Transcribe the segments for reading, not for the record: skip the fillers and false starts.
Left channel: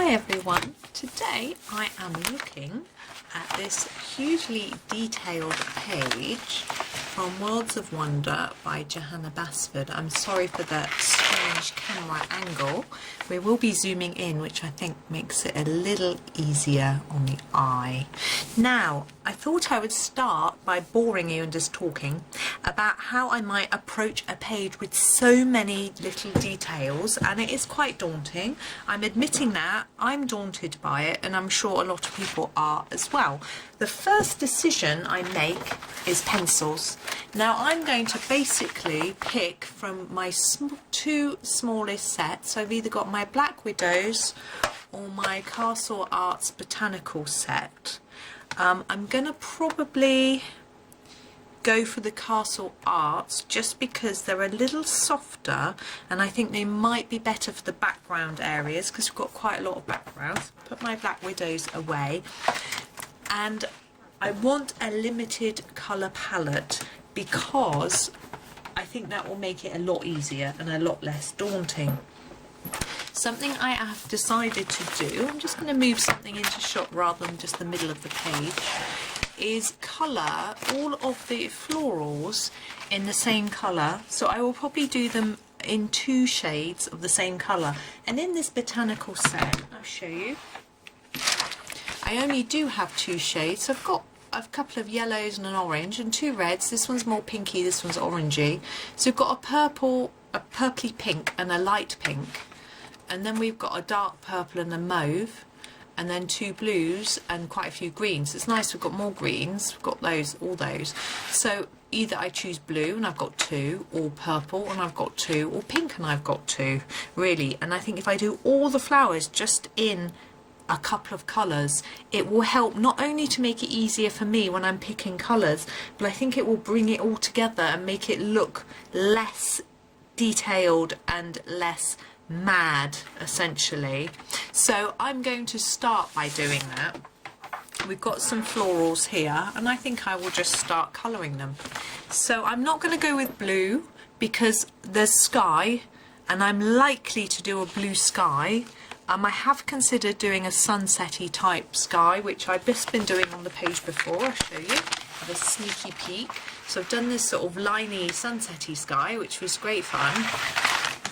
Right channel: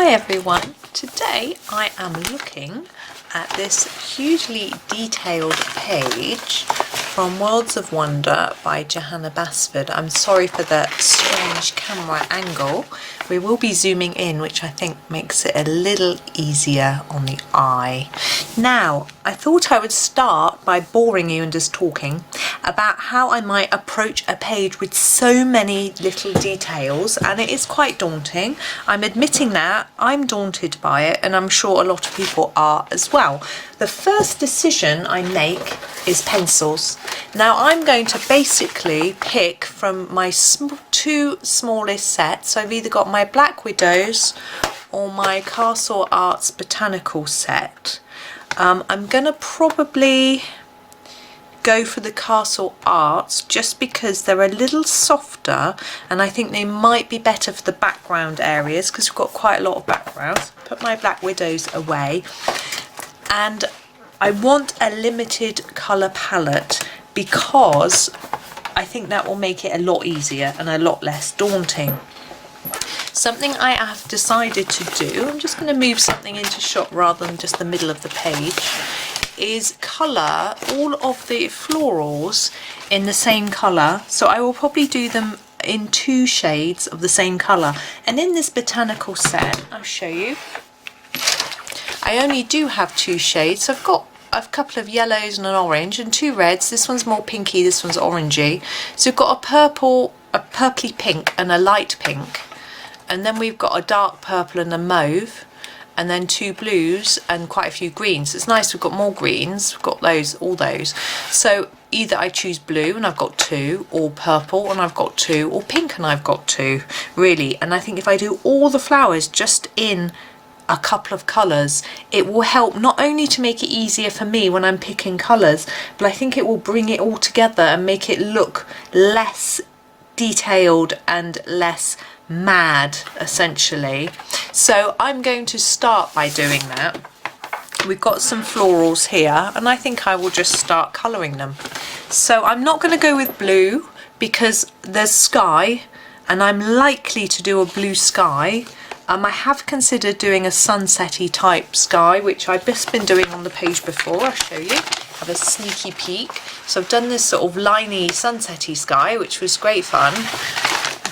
Hi everyone, today I am looking at this hugely detailed page from Worlds of Wonder by Johanna Basford. I'm sorry for the strange camera angle. We will be zooming in, which I think makes it a little easier on the eye. Now, I thought I would start by boring you and just talking about how I might approach a page with so many little details, and it is quite daunting. I'm admitting that I'm daunted by it, and I'm sure a lot of people are as well. The first decision I make is pencils. Now I'm going to basically pick from my two smallest sets. I've either got my Black Widows or my Castle Arts Botanical set. I'm going to probably go for the Castle Arts just because they're a little softer, and I think they might be better for the background areas because we've got quite a lot of backgrounds. Put my Black Widows away, and I want a limited colour palette because I think that will make it a lot easier and a lot less daunting. Something I have decided to do, I'm just going to move something into shot rather than just the middle of the page, is colour all of the florals in the same colour. So I will probably do them in 2 shades of the same colour. And in this botanical set, I'll show you, I only do have 2 shades. So I've got a couple of yellows and an orange and 2 reds. This one's more pinky, this one's orangey. So we've got a purple, a purpley pink and a light pink. And then we've got a dark purple and a mauve, and then 2 blues and quite a few greens. It's nice we've got more greens, we've got those, all those. So either I choose blue and I've got 2, or purple and I've got 2, or pink and I've got 2, really. And I think if I do all the flowers just in a couple of colours, it will help not only to make it easier for me when I'm picking colours, but I think it will bring it all together and make it look less detailed and less mad, essentially. So I'm going to start by doing that. We've got some florals here, and I think I will just start colouring them. So I'm not going to go with blue because there's sky, and I'm likely to do a blue sky. I have considered doing a sunsetty type sky, which I've just been doing on the page before. I'll show you. Have a sneaky peek. So I've done this sort of liney sunsetty sky, which was great fun.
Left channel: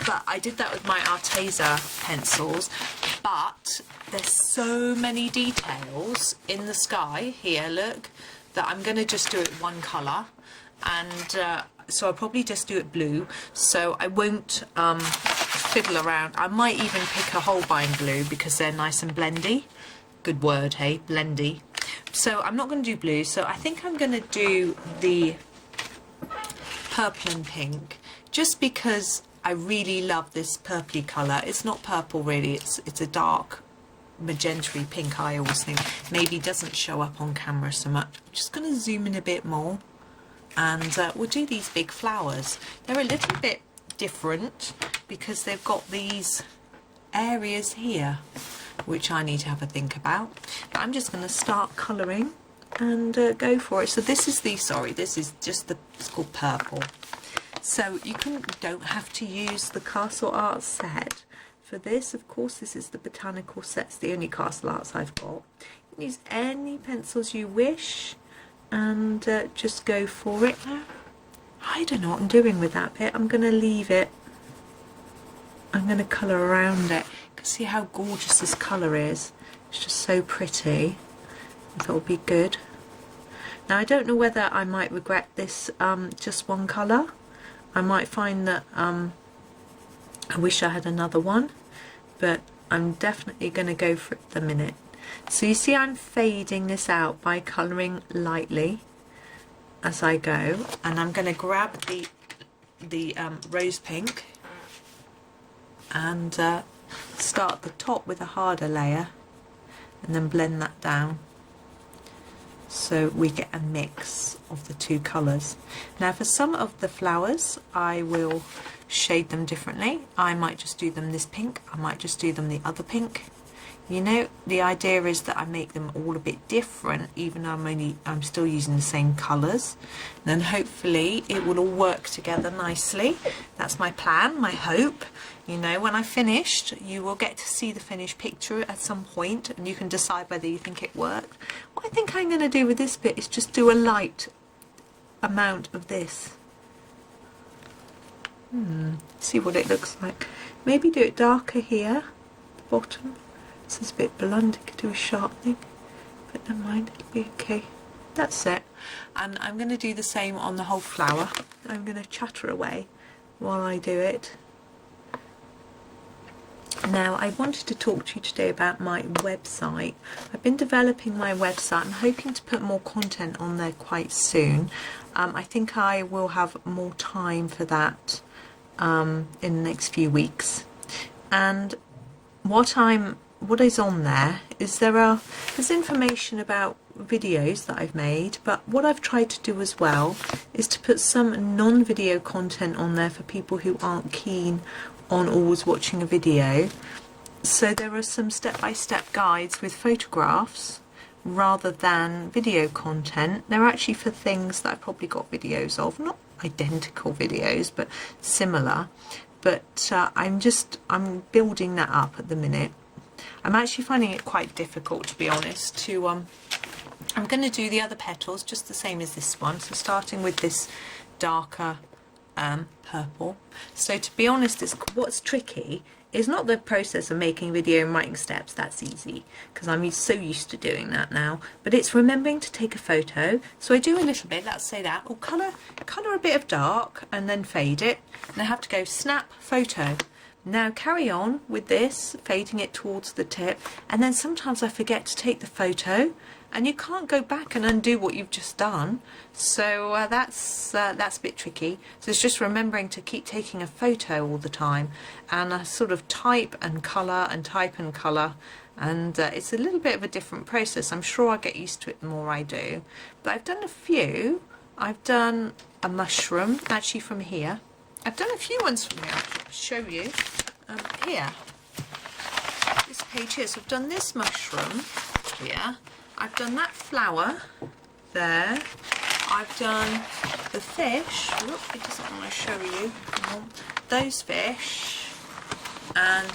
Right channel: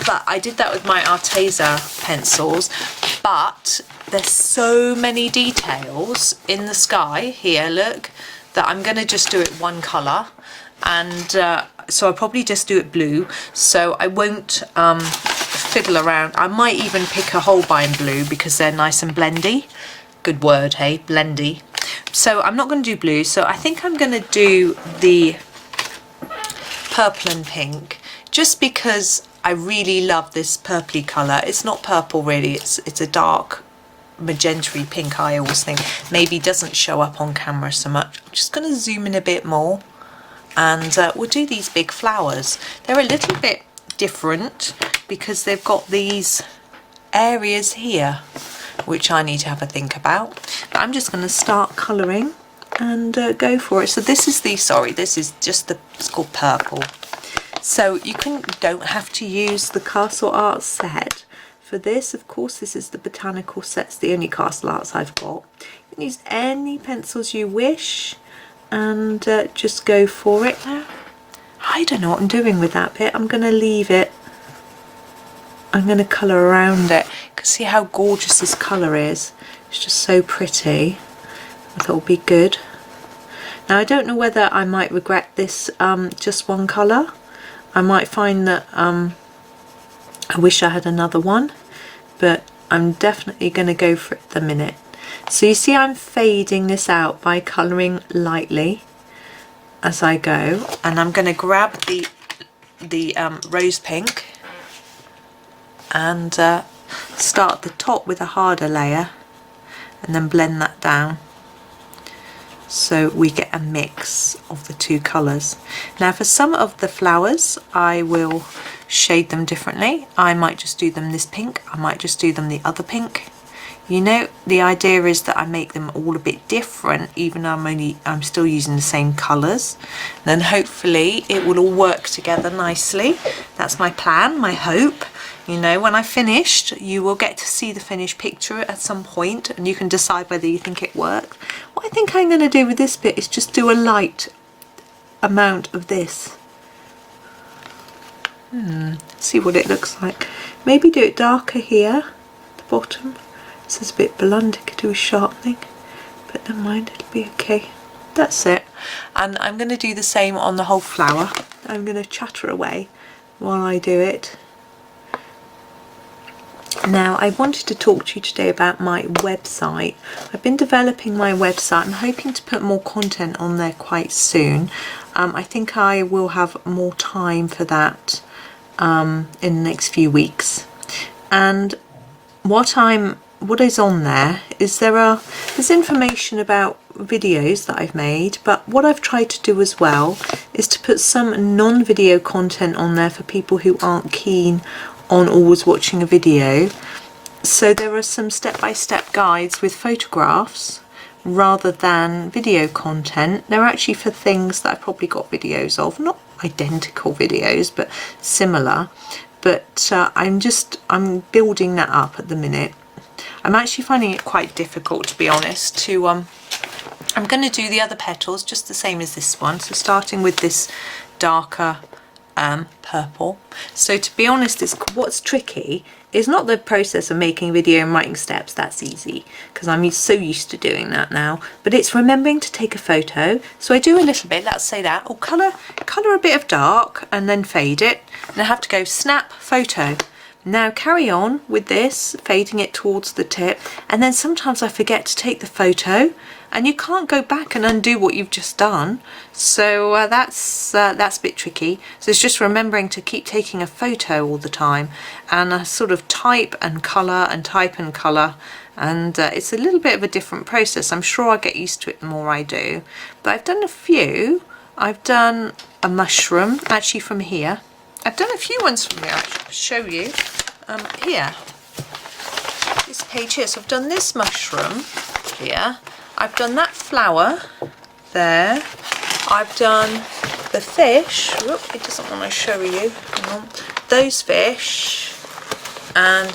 But I did that with my Arteza pencils, but there's so many details in the sky here, look, that I'm going to just do it one colour, and so I'll probably just do it blue, so I won't fiddle around. I might even pick a Holbein blue because they're nice and blendy. Good word, hey, blendy. So I'm not going to do blue, so I think I'm going to do the purple and pink, just because I really love this purpley colour. It's not purple really, it's a dark magenta-y pink. I always think maybe doesn't show up on camera so much. I'm just going to zoom in a bit more, and we'll do these big flowers. They're a little bit different because they've got these areas here which I need to have a think about. But I'm just going to start colouring and go for it. So this is the, sorry, this is just the, it's called purple. So you don't have to use the Castle Arts set for this. Of course, this is the Botanical set. It's the only Castle Arts I've got. You can use any pencils you wish and just go for it. I don't know what I'm doing with that bit. I'm going to leave it. I'm going to colour around it. You can see how gorgeous this colour is. It's just so pretty. I thought it would be good. Now, I don't know whether I might regret this just one colour. I might find that I wish I had another one, but I'm definitely going to go for it at the minute. So you see I'm fading this out by colouring lightly as I go, and I'm going to grab the rose pink and start at the top with a harder layer and then blend that down, so we get a mix of the 2 colours. Now for some of the flowers I will shade them differently. I might just do them this pink, I might just do them the other pink. You know, the idea is that I make them all a bit different, even though I'm still using the same colours. Then hopefully it will all work together nicely. That's my plan, my hope. You know, when I've finished, you will get to see the finished picture at some point, and you can decide whether you think it worked. What I think I'm going to do with this bit is just do a light amount of this. See what it looks like. Maybe do it darker here at the bottom. This is a bit blunt, it could do with sharpening, but never mind, it'll be okay. That's it. And I'm going to do the same on the whole flower. I'm going to chatter away while I do it. Now, I wanted to talk to you today about my website. I've been developing my website. I'm hoping to put more content on there quite soon. I think I will have more time for that in the next few weeks. And what is on there is there's information about videos that I've made, but what I've tried to do as well is to put some non-video content on there for people who aren't keen on always watching a video. So there are some step-by-step guides with photographs rather than video content. They're actually for things that I've probably got videos of, not identical videos, but similar. But I'm building that up at the minute. I'm actually finding it quite difficult, to be honest, to I'm going to do the other petals just the same as this one, so starting with this darker purple. So to be honest, what's tricky is not the process of making a video and writing steps. That's easy because I'm so used to doing that now, but it's remembering to take a photo. So I do a little bit, let's say that, or colour a bit of dark and then fade it, and I have to go snap photo. Now carry on with this, fading it towards the tip, and then sometimes I forget to take the photo, and you can't go back and undo what you've just done. So that's a bit tricky. So it's just remembering to keep taking a photo all the time, and sort of type and colour, and it's a little bit of a different process. I'm sure I'll get used to it the more I do. But I've done a few. I've done a mushroom, actually from here. I've done a few ones from here, I'll show you. Here, this page here. So I've done this mushroom here. I've done that flower there. I've done the fish. Whoop, it doesn't want to show you. Hang on. Those fish and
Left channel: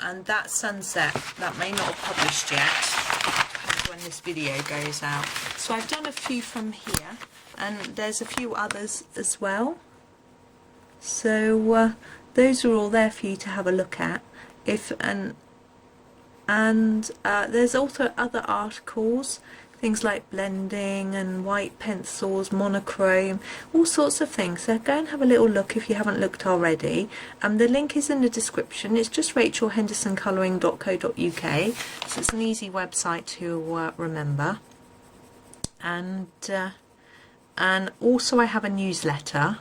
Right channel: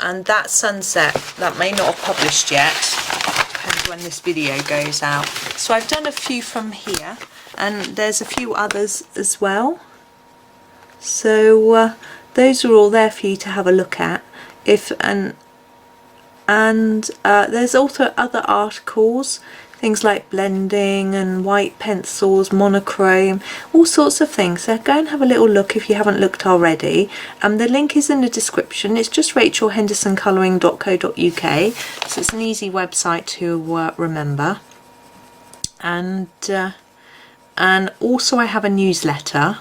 that sunset that may not have published yet. Depends when this video goes out. So I've done a few from here, and there's a few others as well. So those are all there for you to have a look at. There's also other articles, things like blending and white pencils, monochrome, all sorts of things. So go and have a little look if you haven't looked already. The link is in the description. It's just rachelhendersoncolouring.co.uk, so it's an easy website to remember. And also I have a newsletter.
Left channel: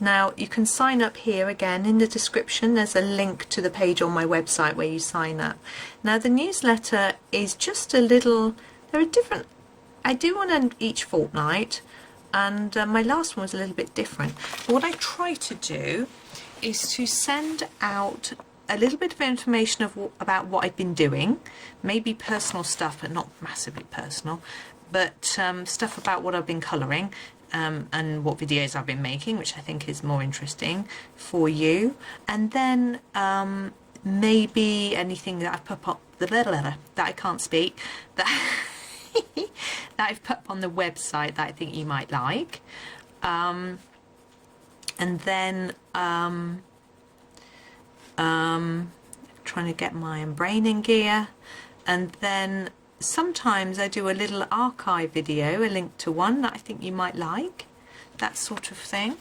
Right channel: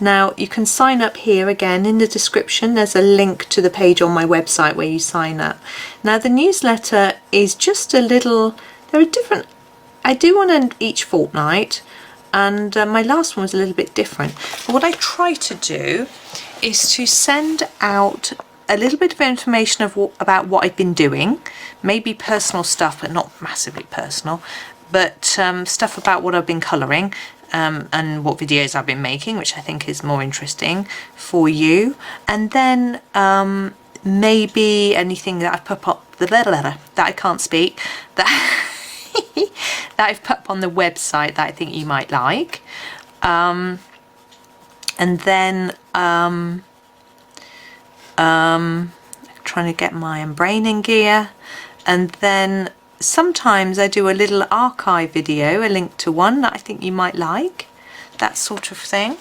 Now you can sign up here again in the description. There's a link to the page on my website where you sign up. Now the newsletter is just a little, there are different, I do one each fortnight, and my last one was a little bit different. But what I try to do is to send out a little bit of information about what I've been doing, maybe personal stuff, but not massively personal, but stuff about what I've been colouring. And what videos I've been making, which I think is more interesting for you. And then maybe anything that I've put up, that I can't speak, that I've put up on the website that I think you might like. And then trying to get my brain in gear. And then sometimes I do a little archive video, a link to one that I think you might like, that sort of thing.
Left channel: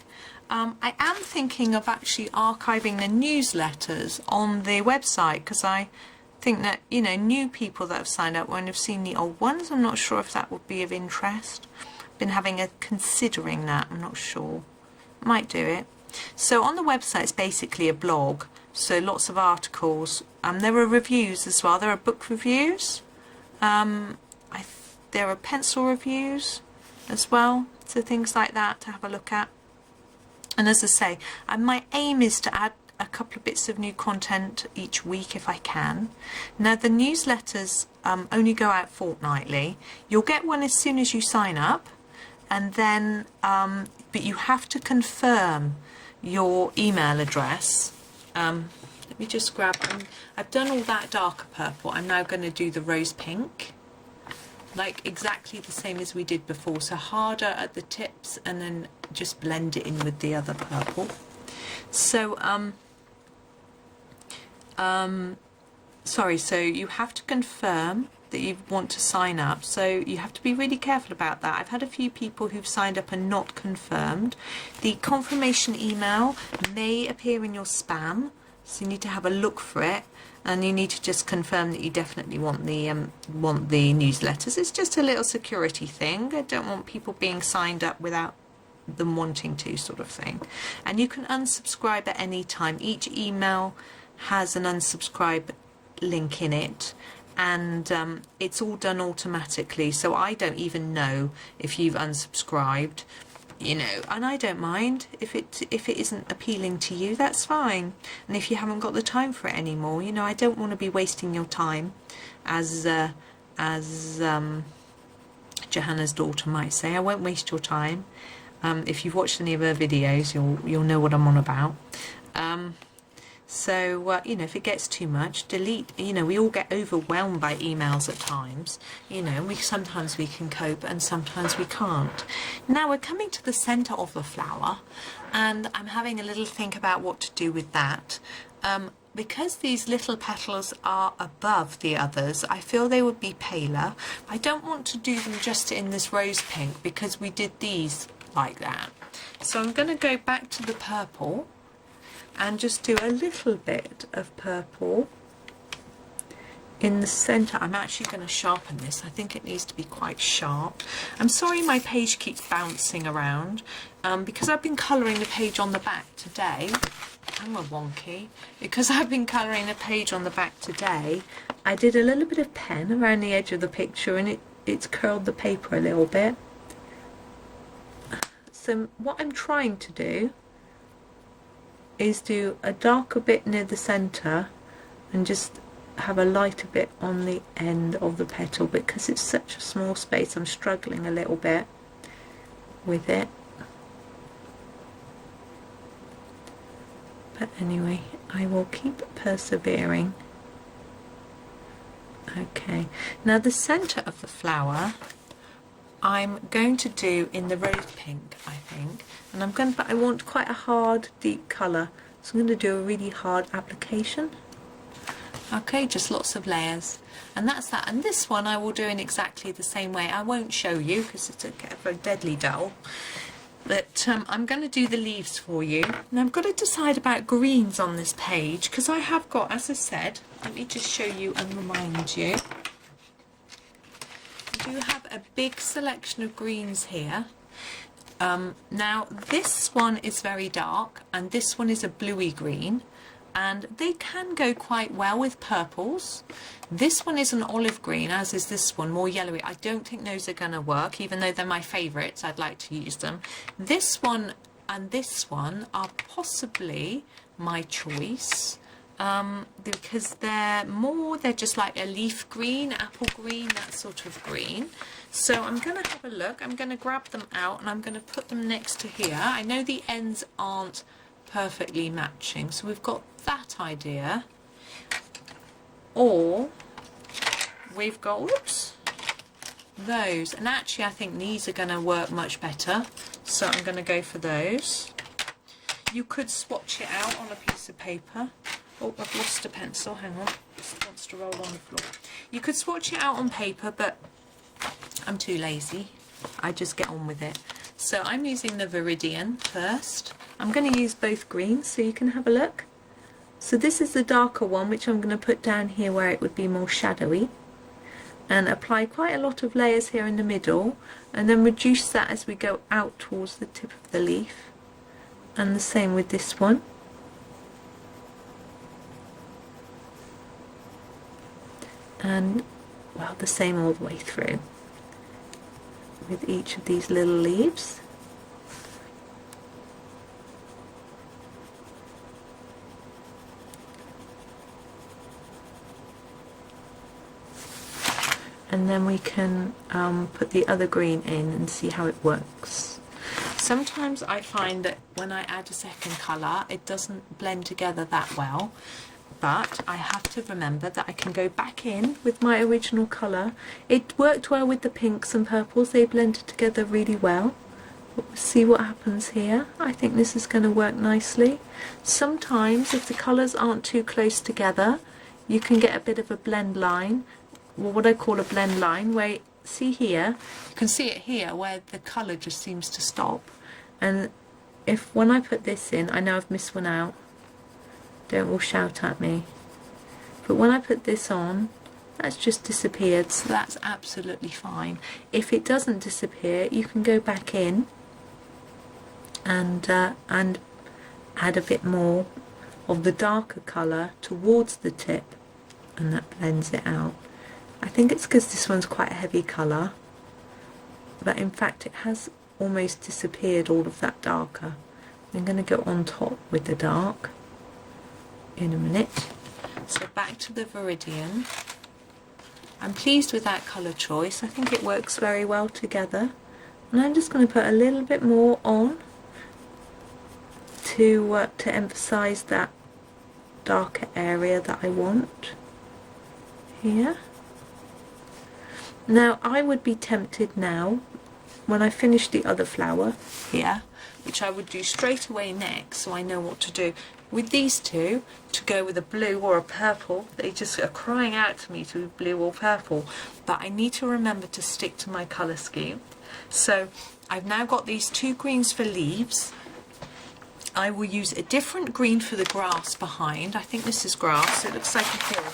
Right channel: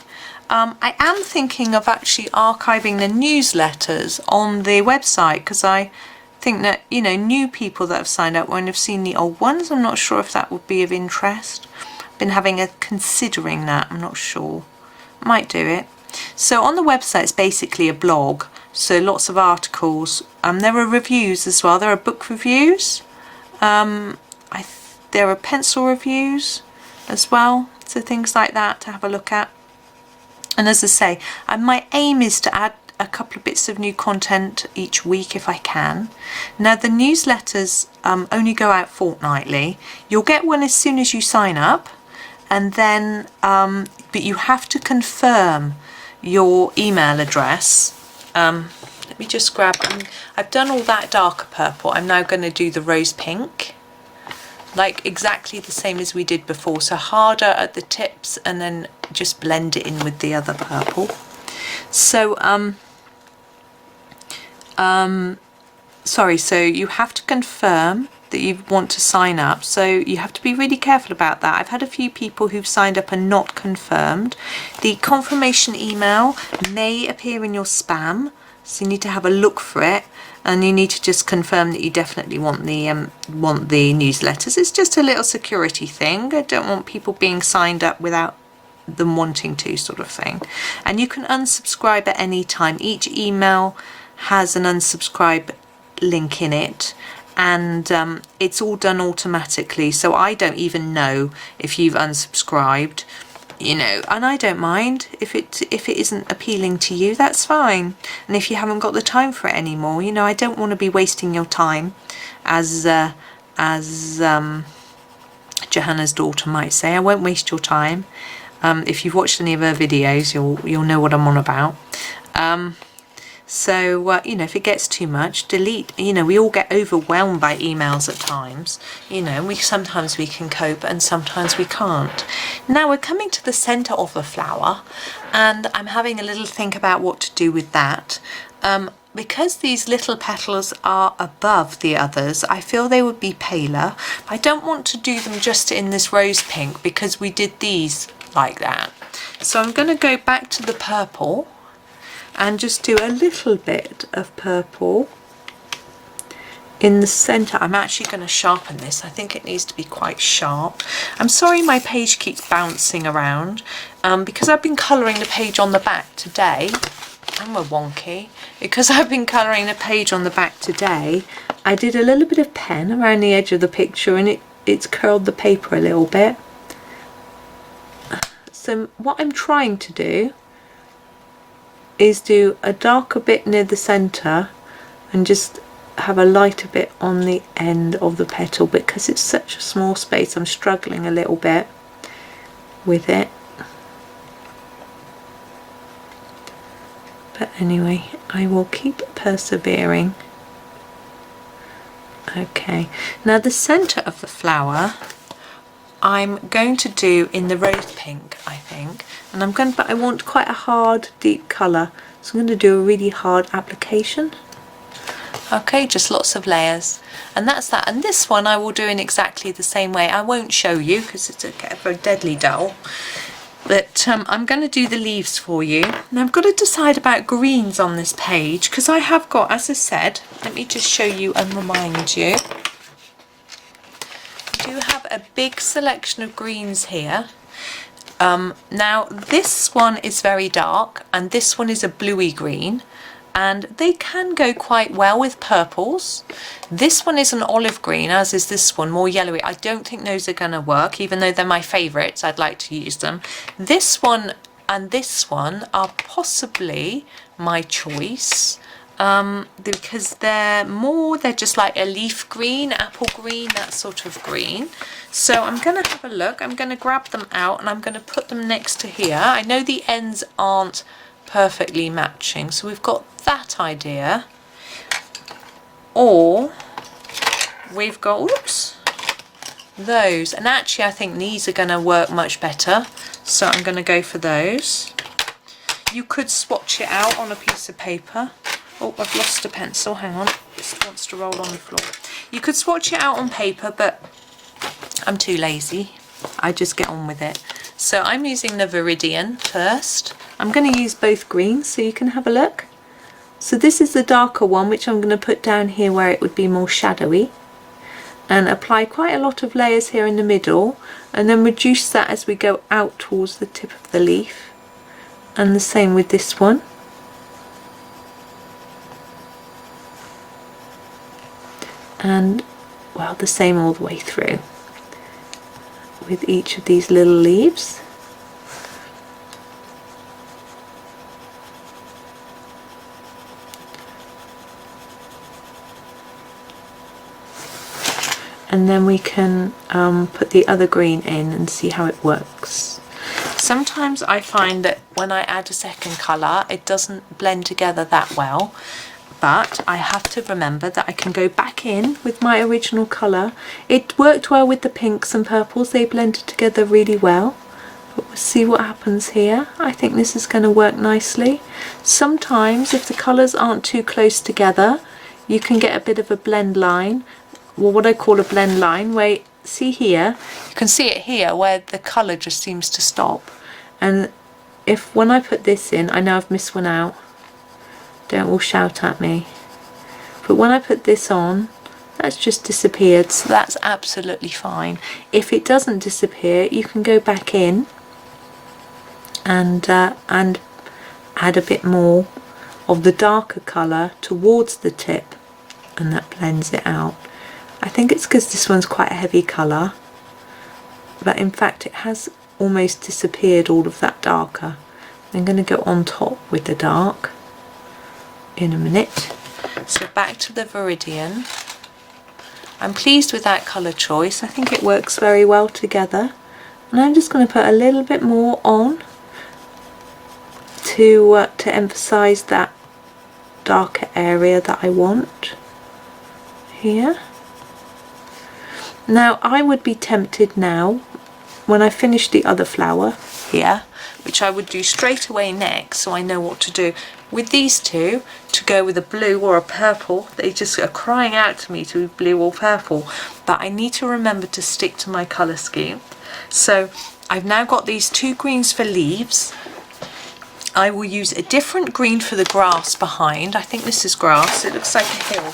I am thinking of actually archiving the newsletters on the website, because I think that, you know, new people that have signed up won't have seen the old ones. I'm not sure if that would be of interest. I've been considering that, I'm not sure. Might do it. So on the website it's basically a blog, so lots of articles. There are reviews as well. There are book reviews. There are pencil reviews as well, so things like that to have a look at. And as I say, my aim is to add a couple of bits of new content each week if I can. Now the newsletters only go out fortnightly. You'll get one as soon as you sign up, and then but you have to confirm your email address. let me just grab, I've done all that darker purple. I'm now going to do the rose pink, like exactly the same as we did before. So harder at the tips and then just blend it in with the other purple. So, sorry, so you have to confirm that you want to sign up, so you have to be really careful about that. I've had a few people who've signed up and not confirmed. The confirmation email may appear in your spam, so you need to have a look for it, and you need to just confirm that you definitely want the newsletters. It's just a little security thing. I don't want people being signed up without them wanting to, sort of thing. And you can unsubscribe at any time. Each email has an unsubscribe link in it, and it's all done automatically, so I don't even know if you've unsubscribed, you know, and I don't mind if it isn't appealing to you. That's fine. And if you haven't got the time for it anymore, you know, I don't want to be wasting your time, as Johanna's daughter might say. I won't waste your time. If you've watched any of her videos, you'll know what I'm on about. So, you know, if it gets too much, delete. You know, we all get overwhelmed by emails at times. You know, sometimes we can cope and sometimes we can't. Now we're coming to the centre of the flower, and I'm having a little think about what to do with that. Because these little petals are above the others, I feel they would be paler. I don't want to do them just in this rose pink because we did these like that. So I'm going to go back to the purple and just do a little bit of purple in the centre. I'm actually going to sharpen this. I think it needs to be quite sharp. I'm sorry my page keeps bouncing around because I've been colouring the page on the back today. I'm a wonky. Because I've been colouring the page on the back today, I did a little bit of pen around the edge of the picture, and it's curled the paper a little bit. So what I'm trying to do is do a darker bit near the centre and just have a lighter bit on the end of the petal. Because it's such a small space, I'm struggling a little bit with it. But anyway, I will keep persevering. Okay, now the centre of the flower I'm going to do in the rose pink, I think, and but I want quite a hard, deep colour, so I'm going to do a really hard application. Okay, just lots of layers, and that's that. And this one I will do in exactly the same way. I won't show you because it's very deadly dull, but I'm going to do the leaves for you. Now I've got to decide about greens on this page because I have got, as I said, let me just show you and remind you. I do have a big selection of greens here. Now this one is very dark and this one is a bluey green, and they can go quite well with purples. This one is an olive green, as is this one, more yellowy. I don't think those are going to work, even though they're my favourites. I'd like to use them. This one and this one are possibly my choice. Because they're just like a leaf green, apple green, that sort of green. So I'm going to have a look. I'm going to grab them out and I'm going to put them next to here. I know the ends aren't perfectly matching, so we've got that idea. Or we've got, oops, those. And actually I think these are going to work much better. So I'm going to go for those. You could swatch it out on a piece of paper. Oh, I've lost a pencil, hang on, this wants to roll on the floor. You could swatch it out on paper, but I'm too lazy. I just get on with it. So I'm using the Viridian first. I'm going to use both greens so you can have a look. So this is the darker one, which I'm going to put down here where it would be more shadowy. And apply quite a lot of layers here in the middle, and then reduce that as we go out towards the tip of the leaf. And the same with this one. And well, the same all the way through with each of these little leaves. And then we can put the other green in and see how it works. Sometimes I find that when I add a second colour, it doesn't blend together that well. but I have to remember that I can go back in with my original colour. It worked well with the pinks and purples, they blended together really well. But we'll see what happens here. I think this is going to work nicely. Sometimes if the colours aren't too close together, you can get a bit of a blend line, or what I call a blend line, where, see here, you can see it here where the colour just seems to stop. And if when I put this in, I know I've missed one out, don't all shout at me, but when I put this on, that's just disappeared, so that's absolutely fine. If it doesn't disappear, you can go back in and add a bit more of the darker colour towards the tip, and that blends it out. I think it's because this one's quite a heavy colour, but in fact it has almost disappeared, all of that darker. I'm going to go on top with the dark in a minute. So back to the Viridian. I'm pleased with that colour choice. I think it works very well together. And I'm just going to put a little bit more on to emphasise that darker area that I want here. Now I would be tempted now, when I finish the other flower here, which I would do straight away next, so I know what to do with these two, to go with a blue or a purple. They just are crying out to me to be blue or purple, but I need to remember to stick to my colour scheme. So I've now got these two greens for leaves. I will use a different green for the grass behind. I think this is grass, it looks like a hill.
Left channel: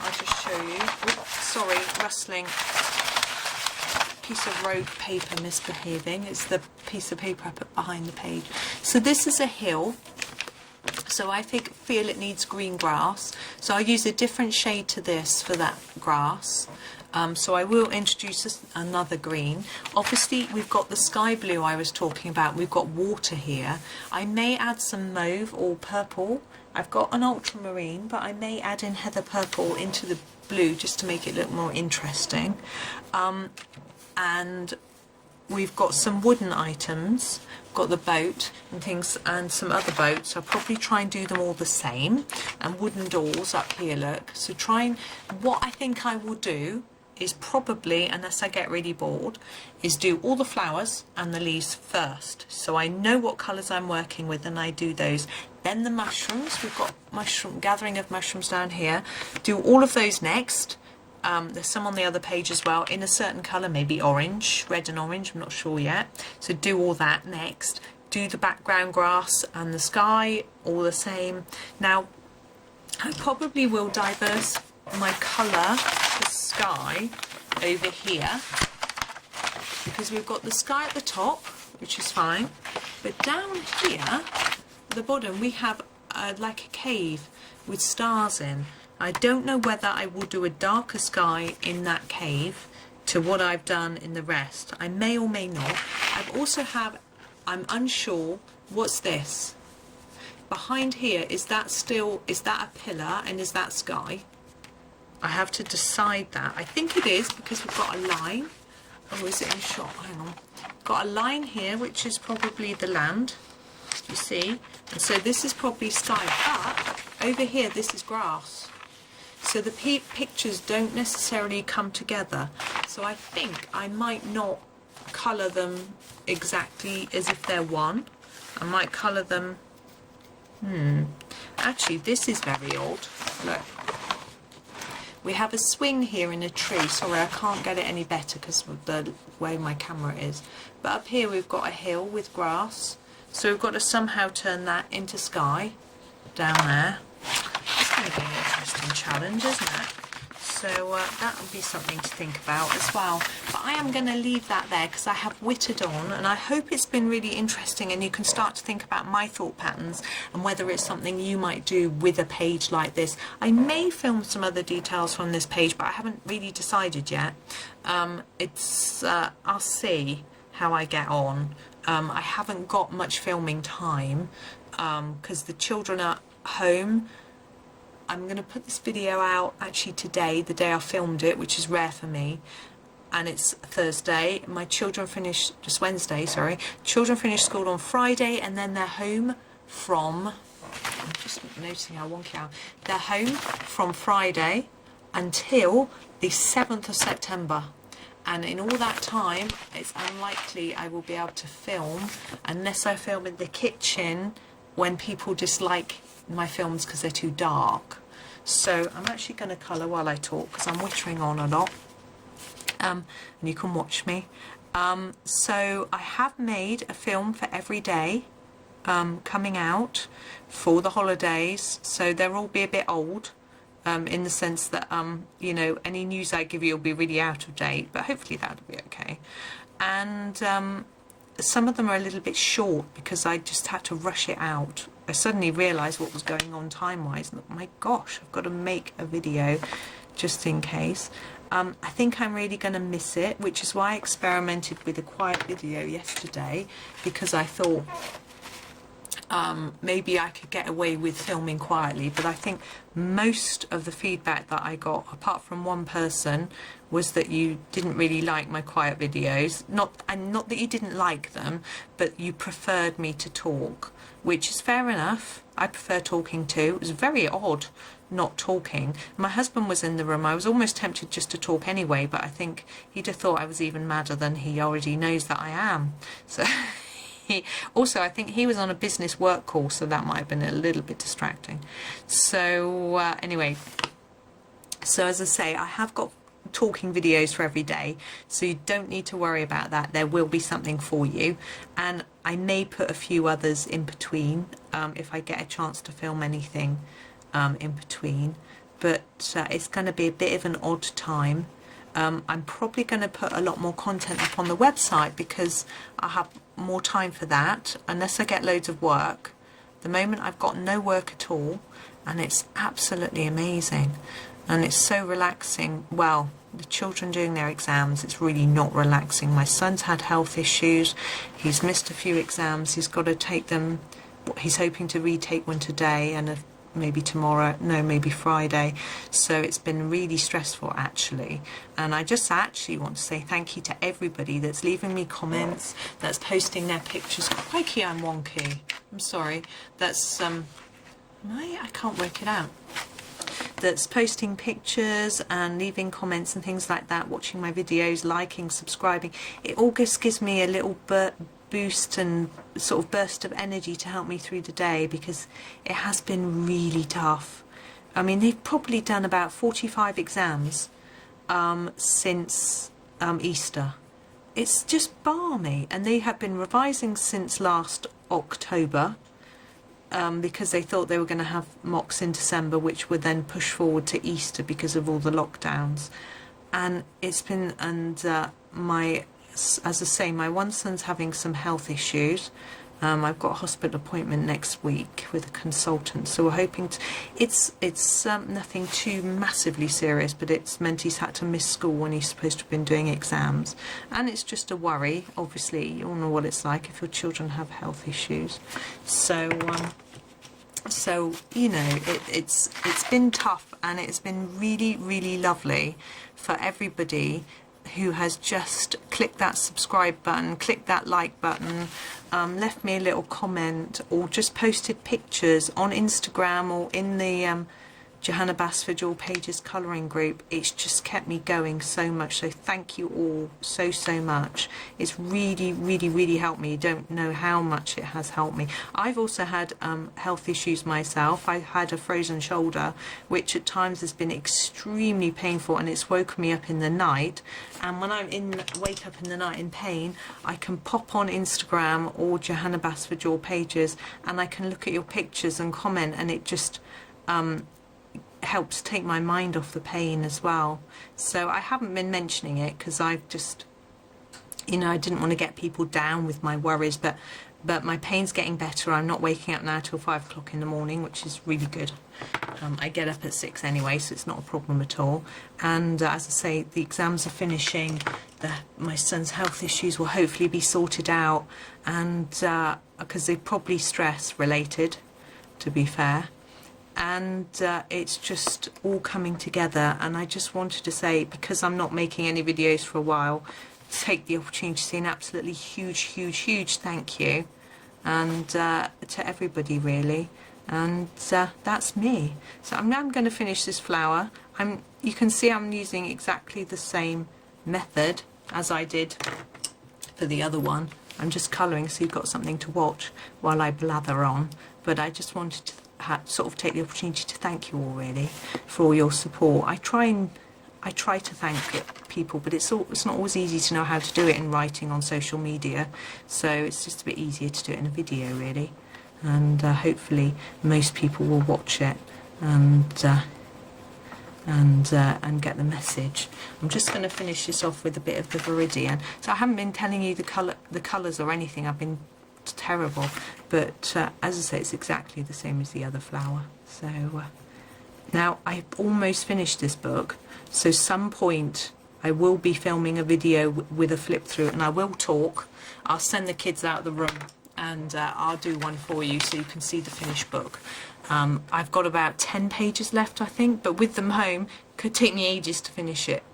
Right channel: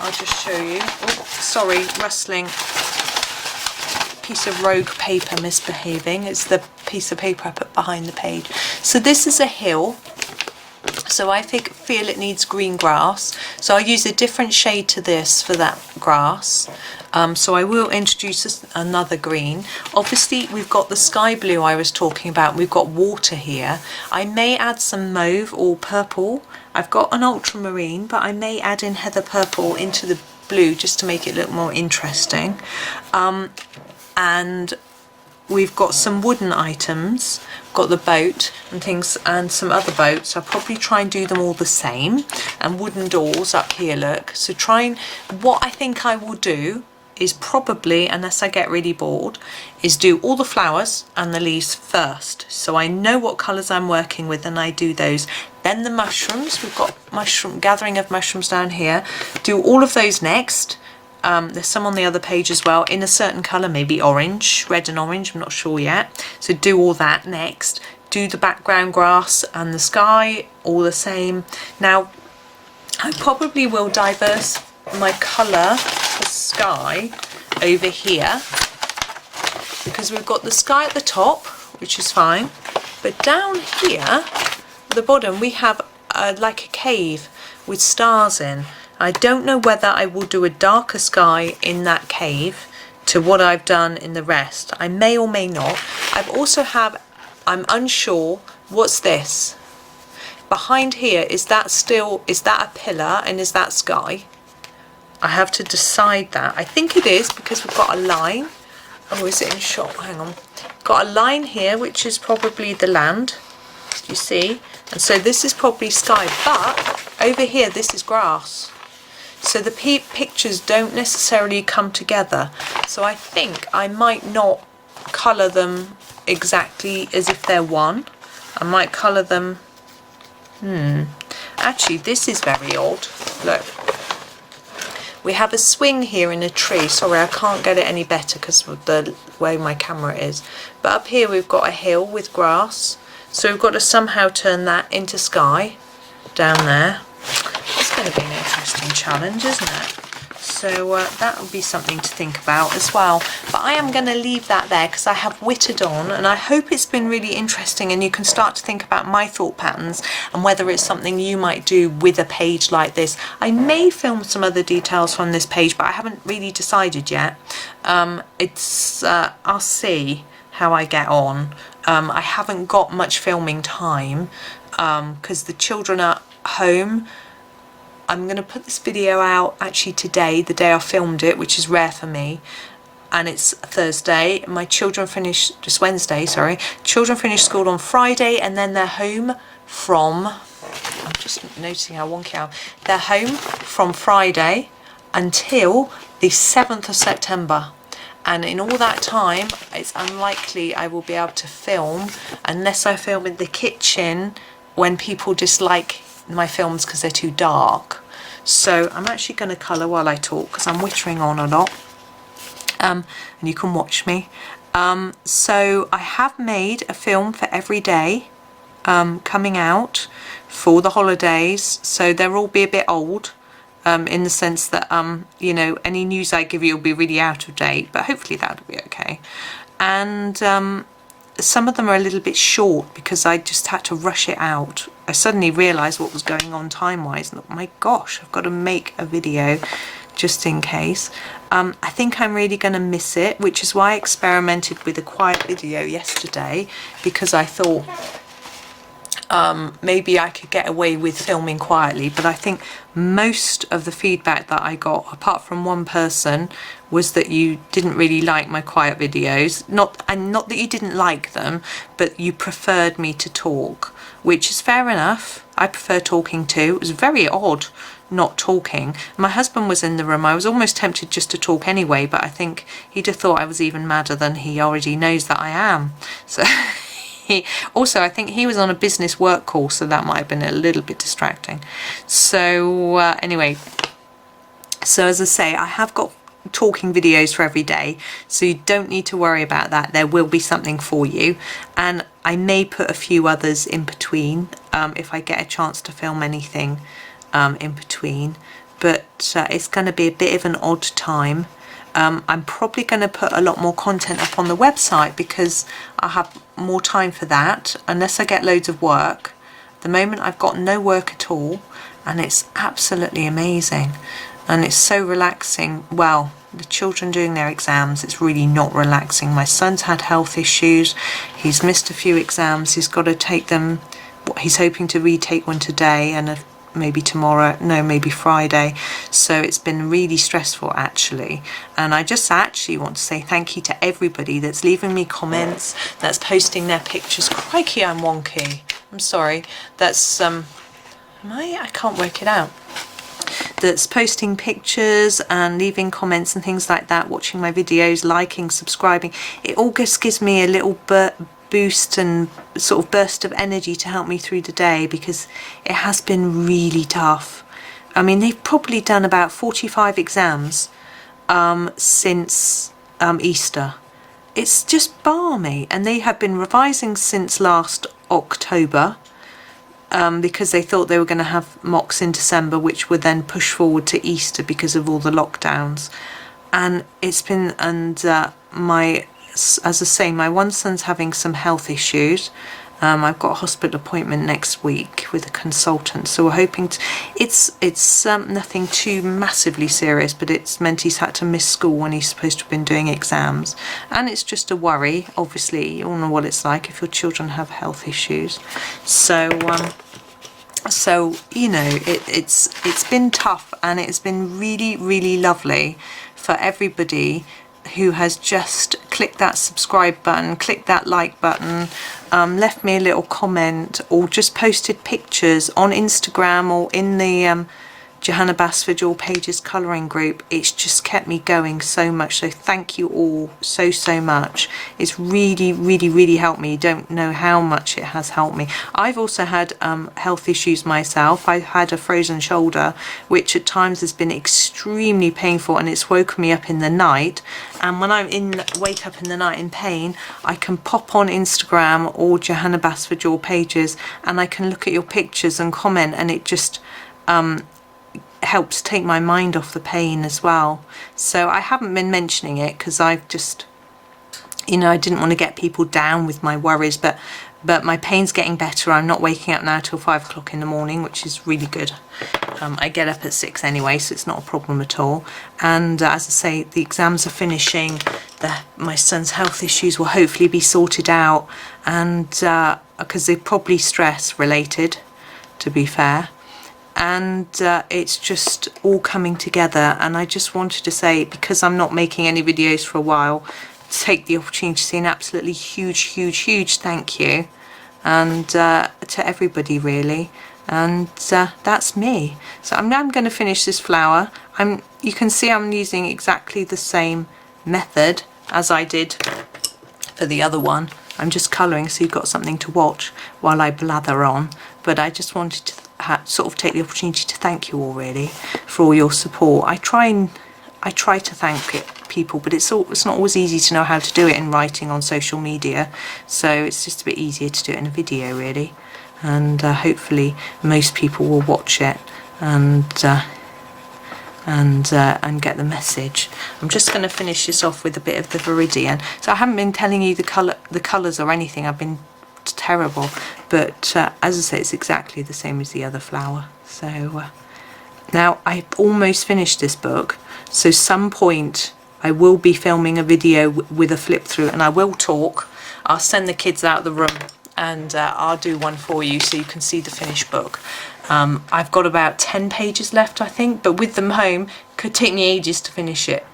I'll just show you. Oh, sorry, rustling. Piece of rogue paper misbehaving. It's the piece of paper I put behind the page. So this is a hill, so I feel it needs green grass, so I'll use a different shade to this for that grass. So I will introduce another green. Obviously we've got the sky blue I was talking about, we've got water here. I may add some mauve or purple. I've got an ultramarine, but I may add in heather purple into the blue just to make it look more interesting. And we've got some wooden items, got the boat and things, and some other boats. I'll probably try and do them all the same, and wooden doors up here, look. So what I think I will do is probably, unless I get really bored, is do all the flowers and the leaves first, so I know what colours I'm working with and I do those. Then the mushrooms, we've got gathering of mushrooms down here, do all of those next. There's some on the other page as well, in a certain colour, maybe orange, red and orange, I'm not sure yet. So do all that next. Do the background grass and the sky, all the same. Now, I probably will diverse my colour for sky over here, because we've got the sky at the top, which is fine. But down here, at the bottom, we have like a cave with stars in. I don't know whether I will do a darker sky in that cave to what I've done in the rest. I may or may not. I'm unsure, what's this? Behind here, is that a pillar and is that sky? I have to decide that. I think it is, because we've got a line. Oh, is it in shot? Hang on. Got a line here, which is probably the land, you see? And so this is probably sky, but over here, this is grass. So the pictures don't necessarily come together. So I think I might not colour them exactly as if they're one. I might colour them... Actually, this is very odd. Look. We have a swing here in a tree. Sorry, I can't get it any better because of the way my camera is. But up here we've got a hill with grass. So we've got to somehow turn that into sky down there. It's going to be an interesting challenge, isn't it? So that will be something to think about as well. But I am going to leave that there because I have whittled on, and I hope it's been really interesting and you can start to think about my thought patterns and whether it's something you might do with a page like this. I may film some other details from this page, but I haven't really decided yet. I'll see how I get on. I haven't got much filming time because the children are home. I'm going to put this video out actually today, the day I filmed it, which is rare for me, and it's Thursday. My children finish, just Wednesday, sorry. Children finish school on Friday, and then they're home from I'm just noticing how wonky I am. They're home from Friday until the 7th of September. And in all that time, it's unlikely I will be able to film unless I film in the kitchen when people dislike my films because they're too dark. So I'm actually going to colour while I talk because I'm whittering on a lot. And you can watch me. So I have made a film for every day coming out for the holidays. So they'll all be a bit old. In the sense that, you know, any news I give you will be really out of date, but hopefully that'll be okay. And some of them are a little bit short because I just had to rush it out. I suddenly realised what was going on time-wise, and thought, my gosh, I've got to make a video just in case. I think I'm really going to miss it, which is why I experimented with a quiet video yesterday, because I thought maybe I could get away with filming quietly. But I think most of the feedback that I got, apart from one person, was that you didn't really like my quiet videos. Not that you didn't like them, but you preferred me to talk, which is fair enough. I prefer talking too. It was very odd not talking. My husband was in the room. I was almost tempted just to talk anyway, but I think he'd have thought I was even madder than he already knows that I am. So also, I think he was on a business work call, so that might have been a little bit distracting. So anyway, so as I say, I have got talking videos for every day, so you don't need to worry about that. There will be something for you, and I may put a few others in between if I get a chance to film anything in between, but it's going to be a bit of an odd time. I'm probably going to put a lot more content up on the website because I have more time for that, unless I get loads of work. At the moment I've got no work at all, and it's absolutely amazing, and it's so relaxing. Well, the children doing their exams, it's really not relaxing. My son's had health issues, he's missed a few exams, he's got to take them, he's hoping to retake one today and maybe tomorrow, no, maybe Friday. So it's been really stressful actually, and I just actually want to say thank you to everybody that's leaving me comments, that's posting their pictures. Crikey, I'm wonky, I'm sorry. That's I can't work it out. That's posting pictures and leaving comments and things like that, watching my videos, liking, subscribing. It all just gives me a little boost and sort of burst of energy to help me through the day, because it has been really tough. I mean, they've probably done about 45 exams since Easter. It's just balmy, and they have been revising since last October because they thought they were going to have mocks in December, which would then push forward to Easter because of all the lockdowns. And it's been, and as I say, my one son's having some health issues. I've got a hospital appointment next week with a consultant, so we're hoping to, it's nothing too massively serious, but it's meant he's had to miss school when he's supposed to have been doing exams, and it's just a worry. Obviously, you all know what it's like if your children have health issues. So you know, it's been tough, and it's been really, really lovely for everybody who has just clicked that subscribe button, clicked that like button, left me a little comment, or just posted pictures on Instagram or in the Johanna Basford Your Pages colouring group. It's just kept me going so much, so thank you all so much. It's really, really, really helped me. You don't know how much it has helped me. I've also had health issues myself. I've had a frozen shoulder, which at times has been extremely painful, and it's woken me up in the night. And when wake up in the night in pain, I can pop on Instagram or Johanna Basford Your Pages, and I can look at your pictures and comment, and it just helps take my mind off the pain as well. So I haven't been mentioning it because I've just, you know, I didn't want to get people down with my worries, but my pain's getting better. I'm not waking up now till 5 o'clock in the morning, which is really good. I get up at 6 anyway, so it's not a problem at all. And as I say, the exams are finishing. My son's health issues will hopefully be sorted out, and because they're probably stress related, to be fair. And it's just all coming together, and I just wanted to say, because I'm not making any videos for a while, take the opportunity to say an absolutely huge thank you, and to everybody really. and that's me. So I'm now going to finish this flower. You can see I'm using exactly the same method as I did for the other one. I'm just colouring so you've got something to watch while I blather on, but I just wanted to sort of take the opportunity to thank you all really for all your support. I try to thank people, but it's not always easy to know how to do it in writing on social media, so it's just a bit easier to do it in a video really, and hopefully most people will watch it and get the message. I'm just going to finish this off with a bit of the Viridian. So I haven't been telling you the colours or anything. I've been terrible, but as I say, it's exactly the same as the other flower. So now I've almost finished this book, so some point I will be filming a video with a flip through, and I will talk. I'll send the kids out of the room and I'll do one for you so you can see the finished book. I've got about 10 pages left, I think, but with them home, it could take me ages to finish it.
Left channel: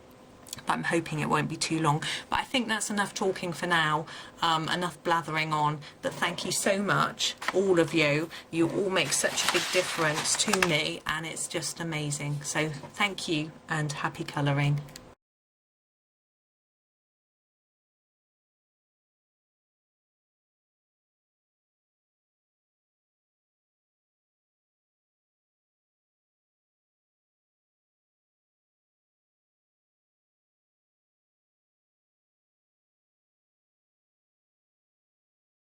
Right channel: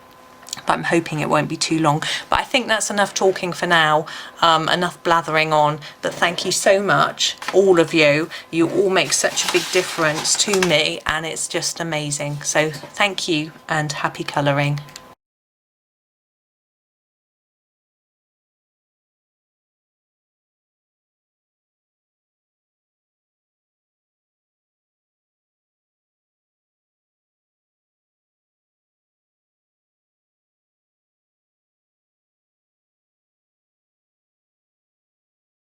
But I'm hoping it won't be too long. But I think that's enough talking for now, enough blathering on. But thank you so much, all of you. You all make such a big difference to me, and it's just amazing. So thank you and happy colouring.